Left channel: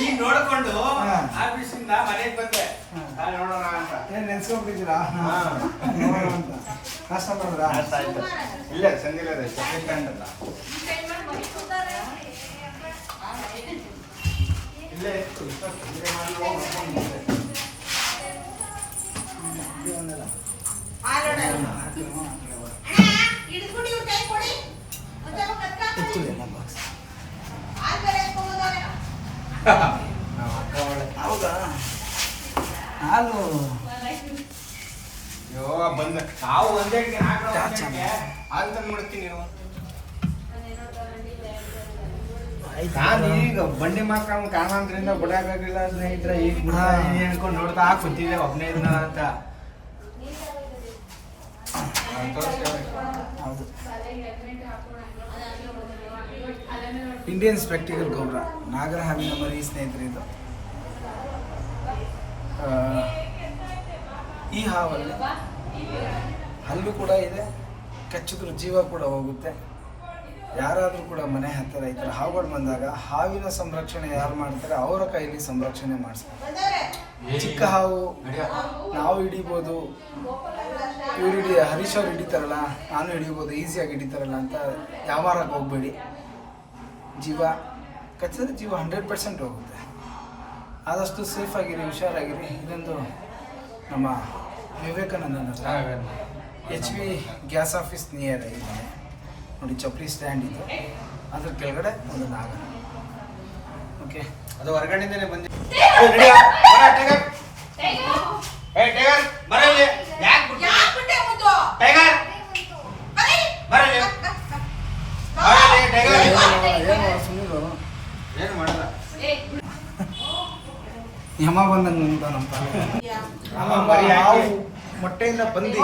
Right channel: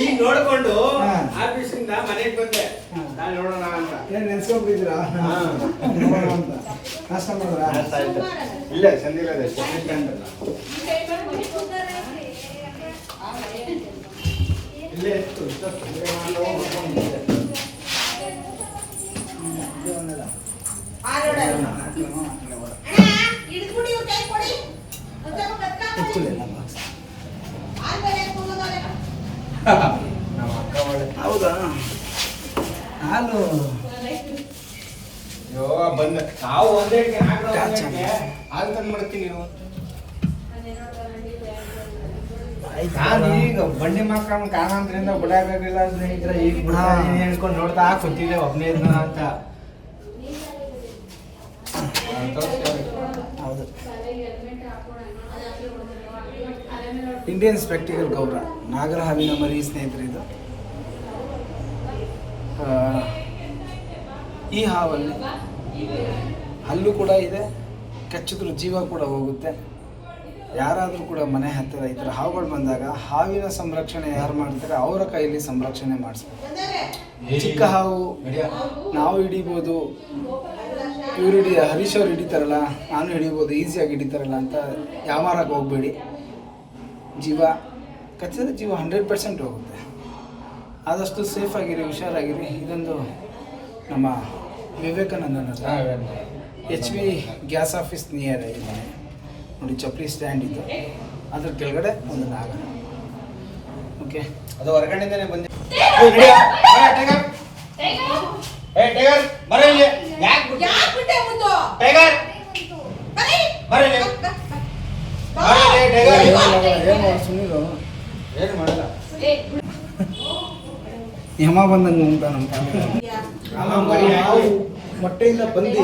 ಈಗ ನೋಡ್ಕೊಂಡು ಆಫೀಸಿಂದ ಮನೆಗೆ ಬಂದೆ ನೋಡೋಣ ಅಂತ ನೆನ್ಸ್ಕೊಂಡ್ಬಿದ್ದೀರಾ ಅಂತ ನಾಷ್ಟ ಮಾಡಿದ್ರ ಇಲ್ಲ ಸಂದಿಲ್ಲ ಇಲ್ಲೇ ಇತ್ತು ಹೌದಾ ಹಾಲು ಅಯ್ಯೋ ಬಂದ ನಾವು ಒಂದೇ ಹಾಲು ತಂದ್ಬಿಡ್ತೀನಿ ನಾನು ಈಗ ಬಂಡಿ ಮಕ್ಕಳ ಕಾರಣಾಂತರಿಂದ ಬಿಡಾಕಾಗಿಲ್ಲ ಸ್ನೇಹಿತರ ಈಗ ಹೇಳ್ಕೊಂಡು ನೋಡ್ತಾ ಕೂತಿದ್ದೆ ಒಬ್ಬನೇ ಇದ್ನ ಅಂತ ಹೌದು ಇಂಡಿಯನ್ ಸ್ಪೆಕ್ಟಿಕಲ್ ಗೌರ ನಾಗರ ಹಾವಿನ ಮರಿ ಸ್ನೇಹಿತರೆ ಇದು ಈ ಹಾವಲ್ಲಿ ಹಲ್ಲು ಕೂಡ ಇದೆ, ಕಚ್ಚಿದ್ರು ಜೀವ ಕೂಡ ಹೋಗುತ್ತೆ. ಯಾರಾದರೂ ಕೂಡ ಮನೆ ಹತ್ತಿರ ಈ ಥರ ಹಾವುಗಳು ಬಂದಾಗ ಹಾವಿನ ಸಂರಕ್ಷಣೆ ಯಾರು ಮಾಡ್ತಾರೆ ಅವರ ಕೈಯಲ್ಲಿ ಸಂರಕ್ಷಣೆ ಮಾಡಿಸ್ತಾರೆ. ಚಿಕ್ಕ ಹಾವು ನಾವು ಹಿಡಿಬೋದು, ಇವ್ರು ಹರೀಶ್ ಅವ್ರು ಹಿಡಿತಾರಲ್ಲ ನಾನು ಹಿಡಿಬೋದು, ಈಸಿಯಾಗಿ ಹಿಡಿತಾರಲ್ಲ ಅಂತ ಯಾವಾರಕ್ಕೆ ಹೋಗಬೇಡಿ. ಜೀವ ಕಚ್ಚಿದ್ರೆ ಜೀವ 100% ಹೋಗುತ್ತೆ. ಆದಷ್ಟು ಸೇಫಾಗಿರಿ, ಹುಷಾರಾಗಿರಿ. ಇದೊಂದು ನಮ್ಮ ವಿವೇಕಾನಂದನ HP ಗ್ಯಾಸ್ ಆಫೀಸ್ ನಿಯರ್ ಇದೆ ನೋಡಿ, ಚಪ್ಪಲಿ ಸ್ಟ್ಯಾಂಡ್ ಇದು, ಅದ್ರ ಕೆಳಗಡೆ ಒಂದು ನಾಗ. ಓಕೆ, ಅದು ಹೊರಗಡೆಯಿಂದನೇ ಬಂದು ಏನು ಮಾಡಲ್ಲ, ಯಮ ಬಂದಂಗೆ ಉಂಟ ನಮ್ಮ ತಾಯಿ ಮೊಟ್ಟೆಯಿಂದ ಬಂದು